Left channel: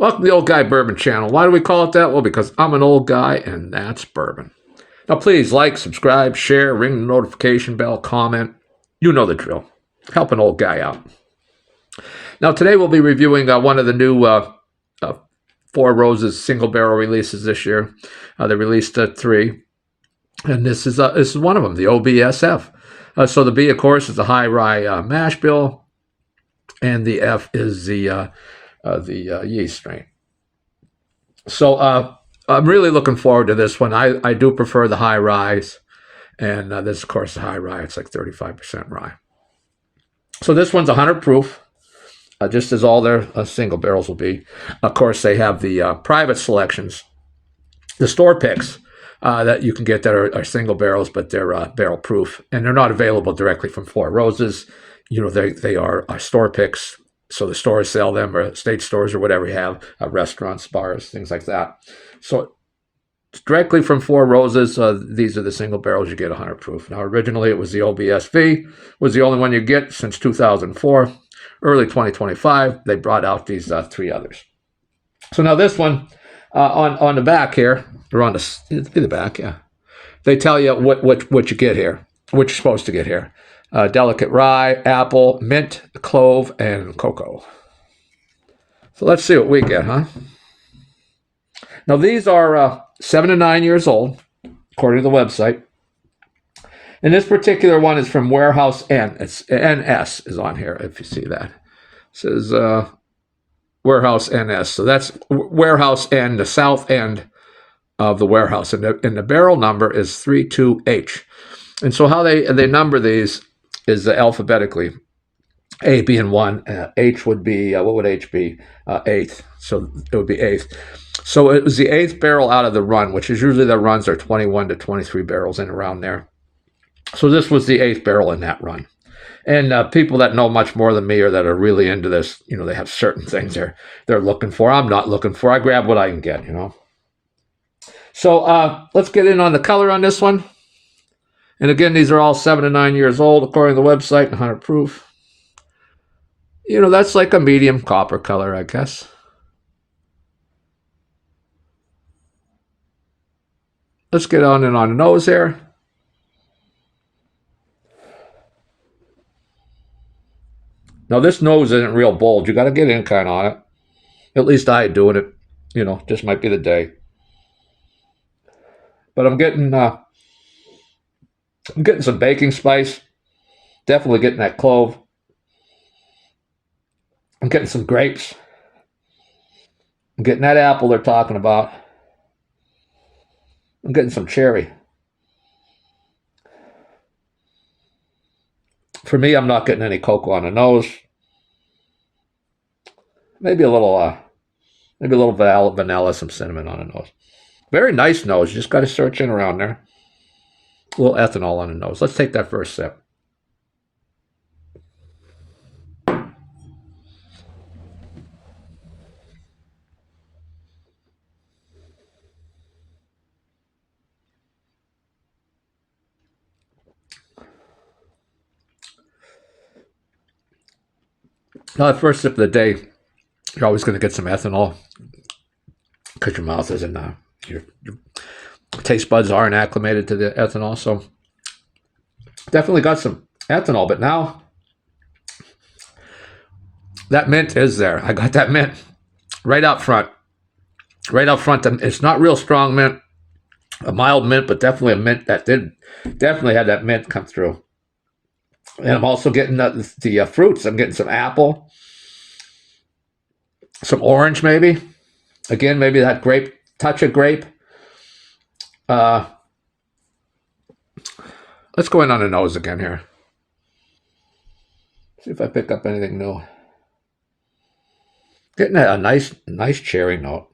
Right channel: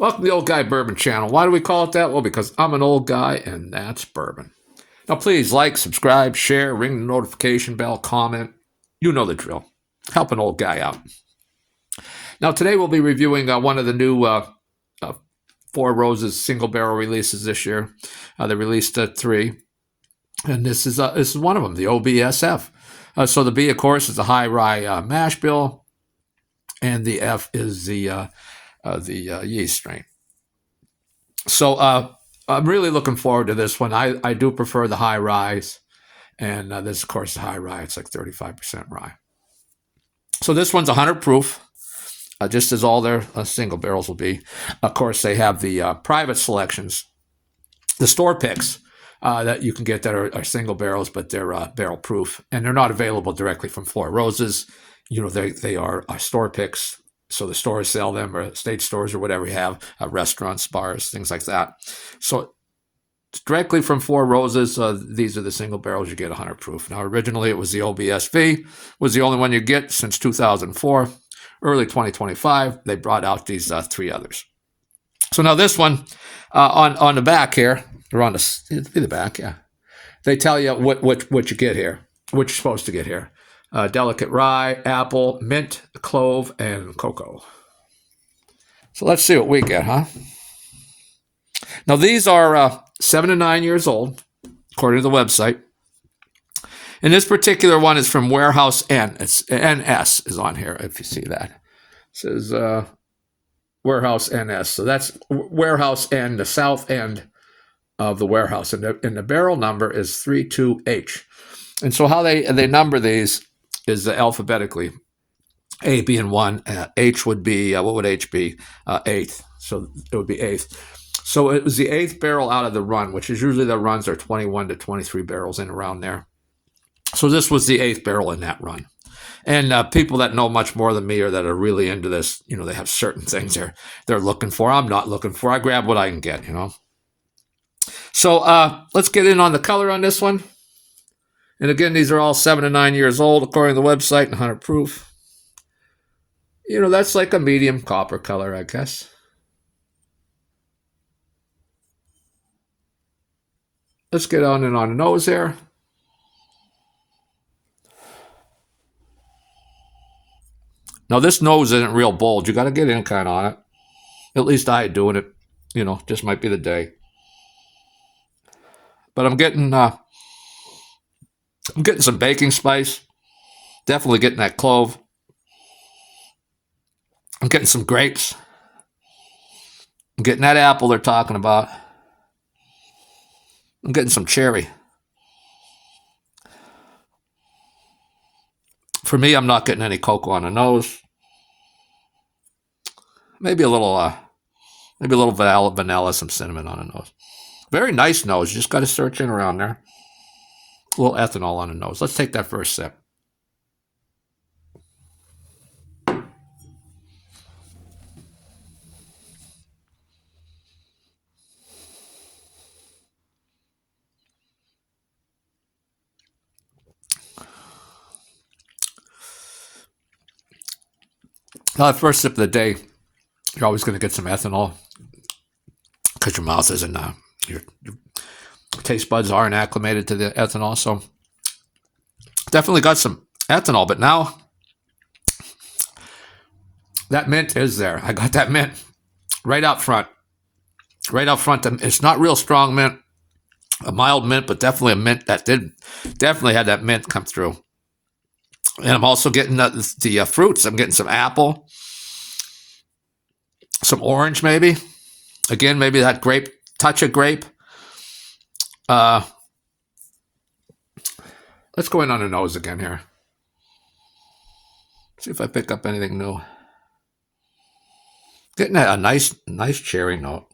Welcome to the Old Guy Bourbon channel. Why do we call it that? Well, because I'm an old guy and that's bourbon. Now, please like, subscribe, share, ring the notification bell, comment. You know the drill. Help an old guy out. Now, today we'll be reviewing one of the new Four Roses single barrel releases this year. They released three, and this is one of them, the OBSF. So the B, of course, is the high rye mash bill, and the F is the yeast strain. So I'm really looking forward to this one. I do prefer the high ryes, and this, of course, the high rye. It's like 35% rye. So this one's 100 proof, just as all their single barrels will be. Of course, they have the private selections, the store picks that you can get that are single barrels, but they're barrel proof, and they're not available directly from Four Roses. You know, they are store picks. So the stores sell them, or state stores, or whatever you have, restaurants, bars, things like that. So directly from Four Roses, these are the single barrels you get 100 proof. Now, originally it was the OBSV, was the only one you get since 2004. Early 2025, they brought out these three others. So now this one, on the back here, or on the back, yeah, they tell you what you get here, what you're supposed to get here. Delicate rye, apple, mint, clove, and cocoa. So let's see what we get, huh? Now these are 7 to 9 years old, according to the website. And this particular one is from Warehouse N. It's NS is on here, if you see that. It says Warehouse NS. So that's Warehouse N, the south end of the warehouse. And the barrel number is 32H. And so how they number these is alphabetically, A being 1, H would be, what would H be? 8th. So it would be 8th. So it was the 8th barrel out of the run, which is usually the runs are 21 to 23 barrels in around there. So this was the 8th barrel in that run. And people that know much more than me or that are really into this, you know, they have certain things they're looking for. I'm not looking for. I grab what I can get, you know. So let's get in on the color on this one. And again, these are all 7 to 9 years old, according to the website, 100 proof. You know, that's like a medium copper color, I guess. Let's get on in on the nose here. Now, this nose isn't real bold. You got to get in kind of on it. At least I ain't doing it. You know, just might be the day. But I'm getting some baking spice. Definitely getting that clove. I'm getting some grapes. I'm getting that apple they're talking about. I'm getting some cherry. For me, I'm not getting any cocoa on the nose. Maybe a little vanilla, some cinnamon on the nose. Very nice nose. You just got to search in around there. A little ethanol on the nose. Let's take that first sip. Now, the first sip of the day, you're always going to get some ethanol because your mouth isn't, your taste buds aren't acclimated to the ethanol. So definitely got some ethanol, but now that mint is there. I got that mint right out front. Right out front. It's not real strong mint, a mild mint, but definitely a mint that definitely had that mint come through. And I'm also getting the fruits. I'm getting some apple, some orange maybe. Again, maybe that grape, touch of grape. Let's go in on the nose again here. See if I pick up anything new. Getting a nice cherry note.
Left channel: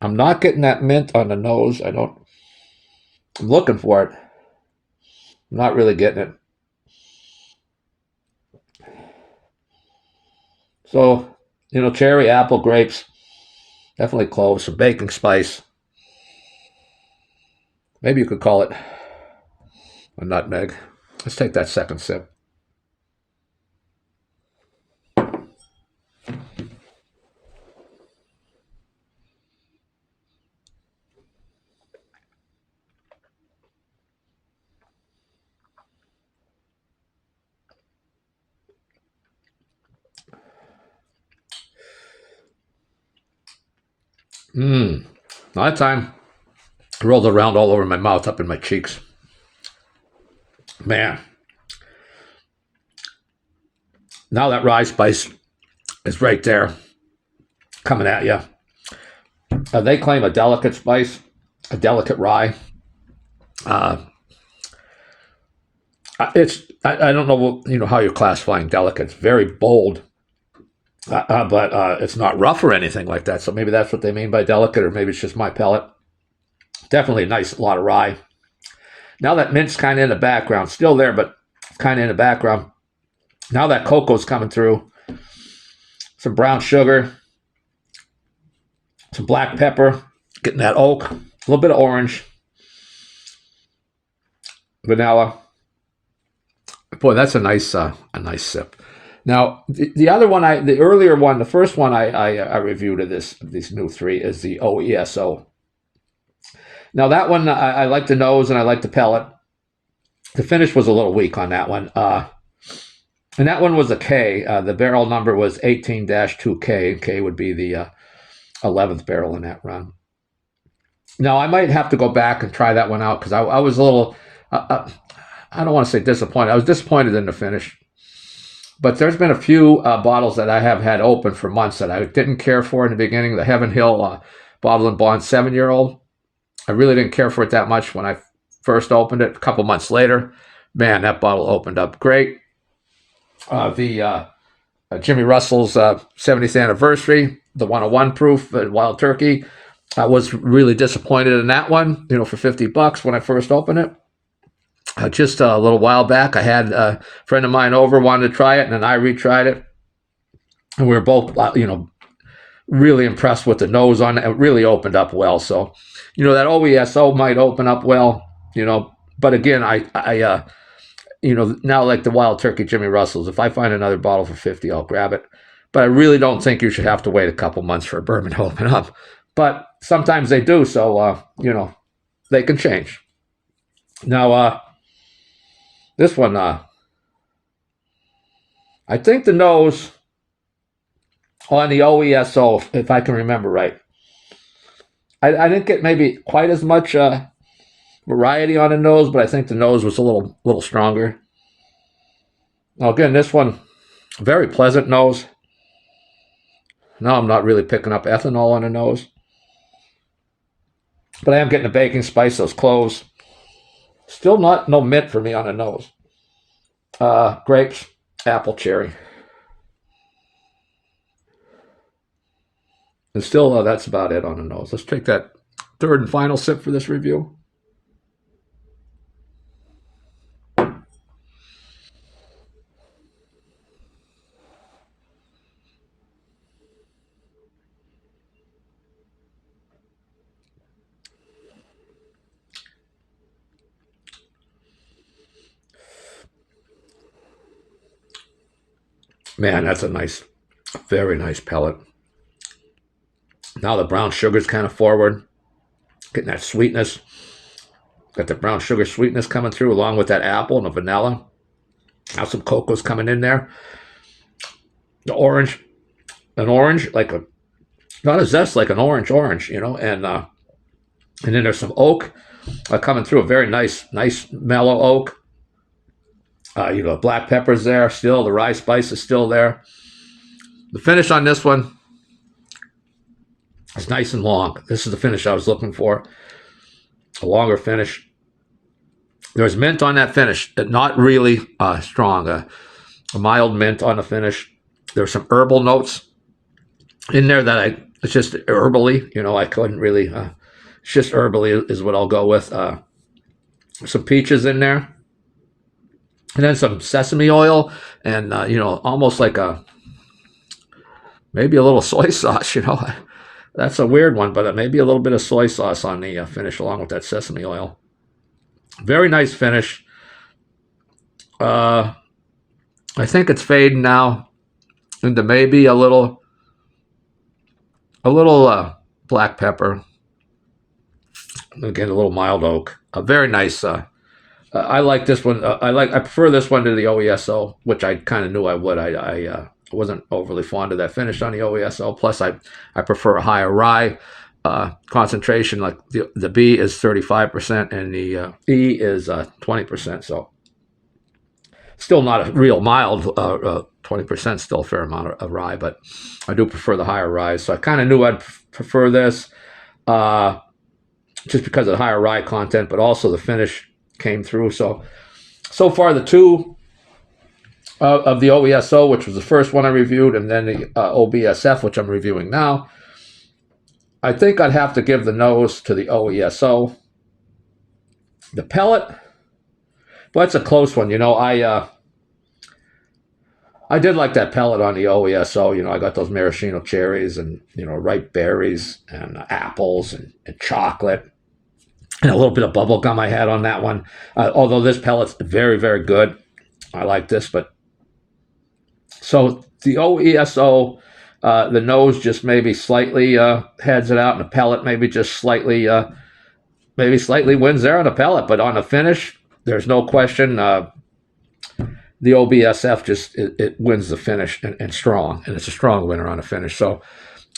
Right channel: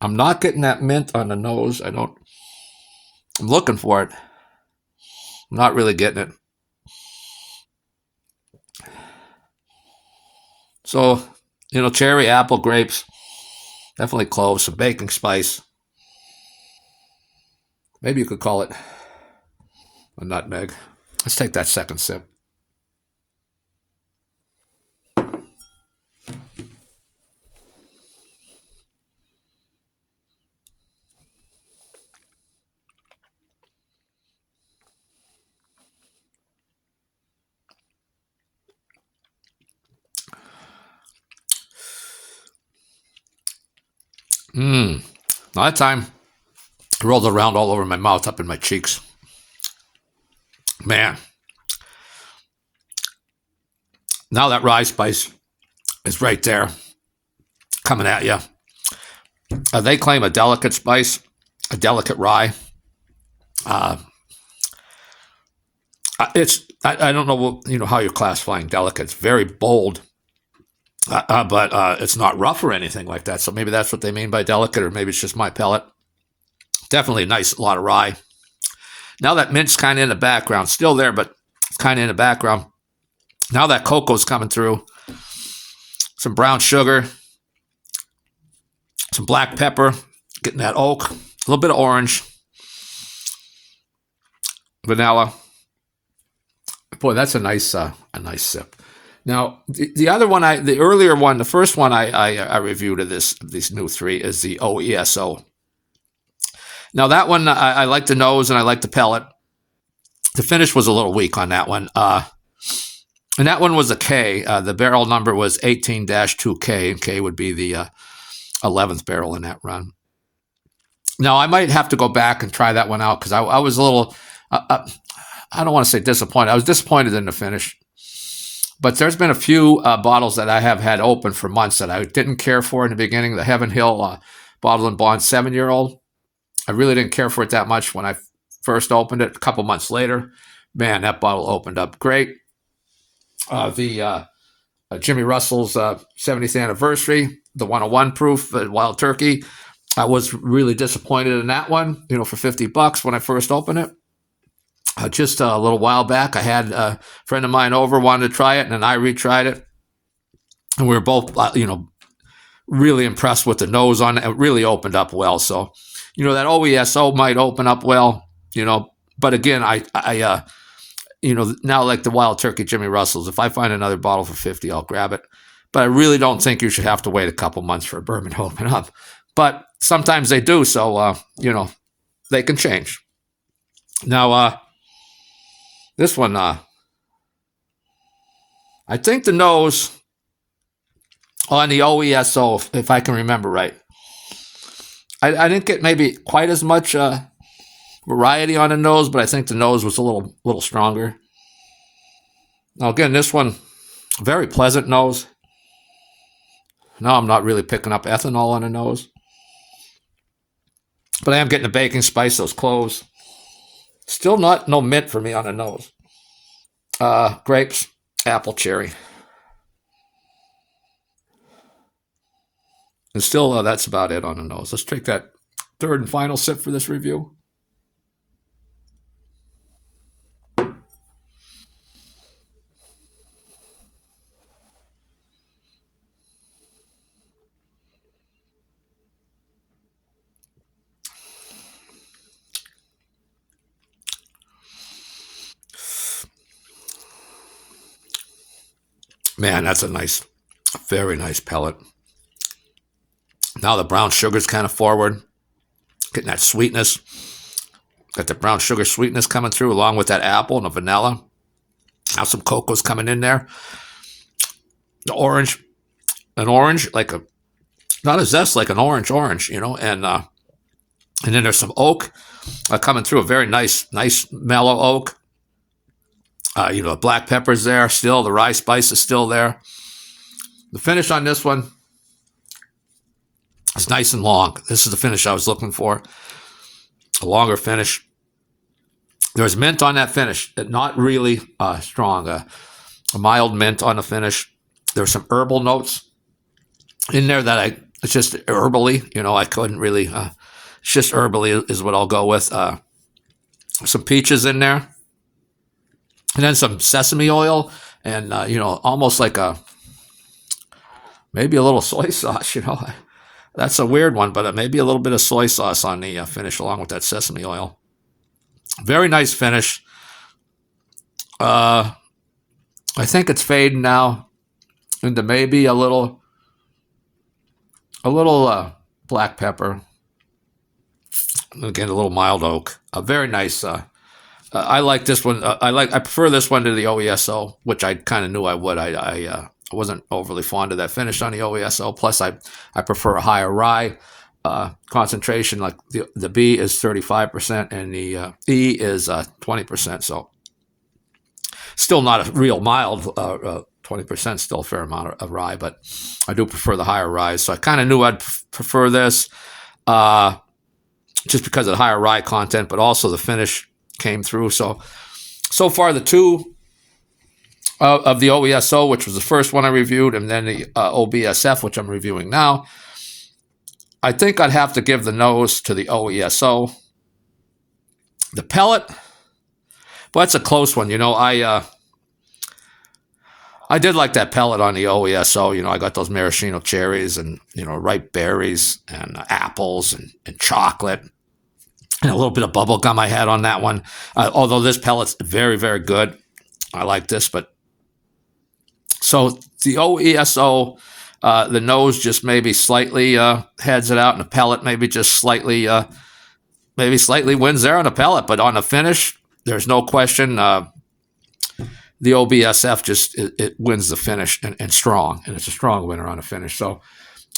I'm not getting that mint on the nose. I'm looking for it. I'm not really getting it. So, you know, cherry, apple, grapes, definitely cloves, some baking spice. Maybe you could call it a nutmeg. Let's take that second sip. All that time, I rolled it around all over my mouth, up in my cheeks. Man, now that rye spice is right there, coming at you. They claim a delicate spice, a delicate rye. I don't know how you're classifying delicate. It's very bold, but it's not rough or anything like that. So maybe that's what they mean by delicate, or maybe it's just my palate. Definitely a nice lot of rye. Now that mint's kind of in the background, still there, but kind of in the background. Now that cocoa's coming through. Some brown sugar, some black pepper, getting that oak, a little bit of orange, vanilla. Boy, that's a nice sip. Now, the other one, the earlier one, the first one I reviewed of these new three is the OESO. Now that one, I like the nose and I like the palate. The finish was a little weak on that one. And that one was a K. The barrel number was 18-2K, and K would be the 11th barrel in that run. Now, I might have to go back and try that one out because I was a little, I don't want to say disappointed. I was disappointed in the finish. But there's been a few bottles that I have had open for months that I didn't care for in the beginning. The Heaven Hill Bottle and Bond 7-year-old. I really didn't care for it that much when I first opened it. A couple months later, man, that bottle opened up great. The Jimmy Russell's 70th anniversary, the 101 proof Wild Turkey. I was really disappointed in that one, for $50 when I first opened it. Just a little while back, I had a friend of mine over, wanted to try it, and then I retried it. And we were both, really impressed with the nose on it. It really opened up well. So, that OESO might open up well, but again, I now like the Wild Turkey Jimmy Russell's, if I find another bottle for $50, I'll grab it. But I really don't think you should have to wait a couple months for a bourbon to open up. But sometimes they do, so, they can change. Now, this one, I think the nose on the OESO, if I can remember right, I didn't get maybe quite as much variety on the nose, but I think the nose was a little stronger. Now again, this one, very pleasant nose. Now I'm not really picking up ethanol on the nose, but I am getting the baking spice, those cloves. Still no mint for me on the nose. Grapes, apple, cherry. And still, that's about it on the nose. Let's take that third and final sip for this review. Man, that's a very nice pellet. Now the brown sugar's kind of forward, getting that sweetness. Got the brown sugar sweetness coming through along with that apple and the vanilla. Now some cocoa's coming in there. The orange, not a zest, like an orange, and then there's some oak coming through, a very nice mellow oak. Black pepper's there still. The rye spice is still there. The finish on this one is nice and long. This is the finish I was looking for. A longer finish. There's mint on that finish, not really strong. A mild mint on the finish. There's some herbal notes in there it's just herbally. I couldn't really, it's just herbally is what I'll go with. Some peaches in there. And then some sesame oil and, almost like maybe a little soy sauce, That's a weird one, but maybe a little bit of soy sauce on the finish along with that sesame oil. Very nice finish. I think it's fading now into maybe a little black pepper. Again, a little mild oak. A very nice. I like this one. I prefer this one to the OESO, which I kind of knew I would. I wasn't overly fond of that finish on the OESO. Plus, I prefer a higher rye. concentration. Like the B is 35% and the E is 20%. So still not a real mild 20%, still a fair amount of rye, but I do prefer the higher rye. So I kind of knew I'd prefer this just because of the higher rye content, but also the finish came through. So far the two of the OBSO, which was the first one I reviewed, and then the OBSF, which I'm reviewing now, I think I'd have to give the nose to the OESO. The pellet, but it's a close one. I did like that pellet on the OESO. I got those maraschino cherries and, ripe berries and apples and chocolate and a little bit of bubble gum I had on that one. Although this pellet's very, very good. I like this, but so the OESO, the nose just maybe slightly heads it out, and the pellet maybe just slightly wins there on the pellet. But on the finish, there's no question. The OBSF just it wins the finish and strong, and it's a strong winner on the finish. So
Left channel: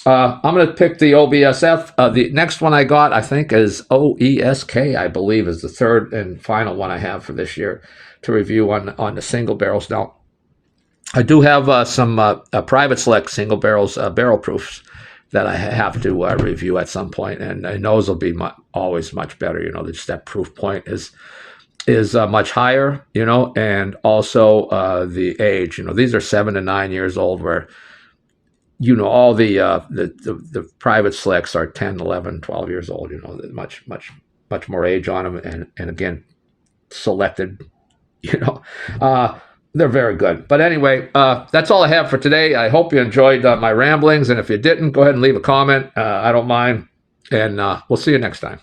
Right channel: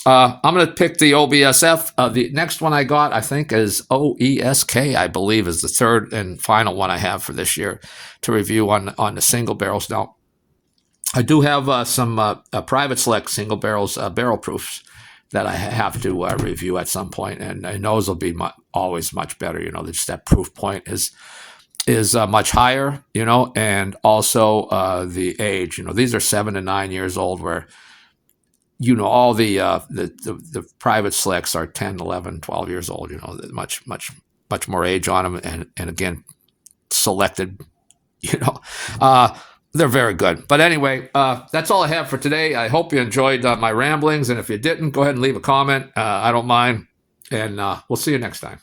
I'm going to pick the OBSF. The next one I got, I think, is OESK, I believe, is the third and final one I have for this year to review on the single barrels. Now, I do have some private select single barrels, barrel proofs that I have to review at some point, and those will be always much better. Just that proof point is much higher, and also the age. These are 7 to 9 years old, where all the private selects are 10, 11, 12 years old. Much more age on them, and again, selected. They're very good. But anyway, that's all I have for today. I hope you enjoyed my ramblings, and if you didn't, go ahead and leave a comment. I don't mind, and we'll see you next time.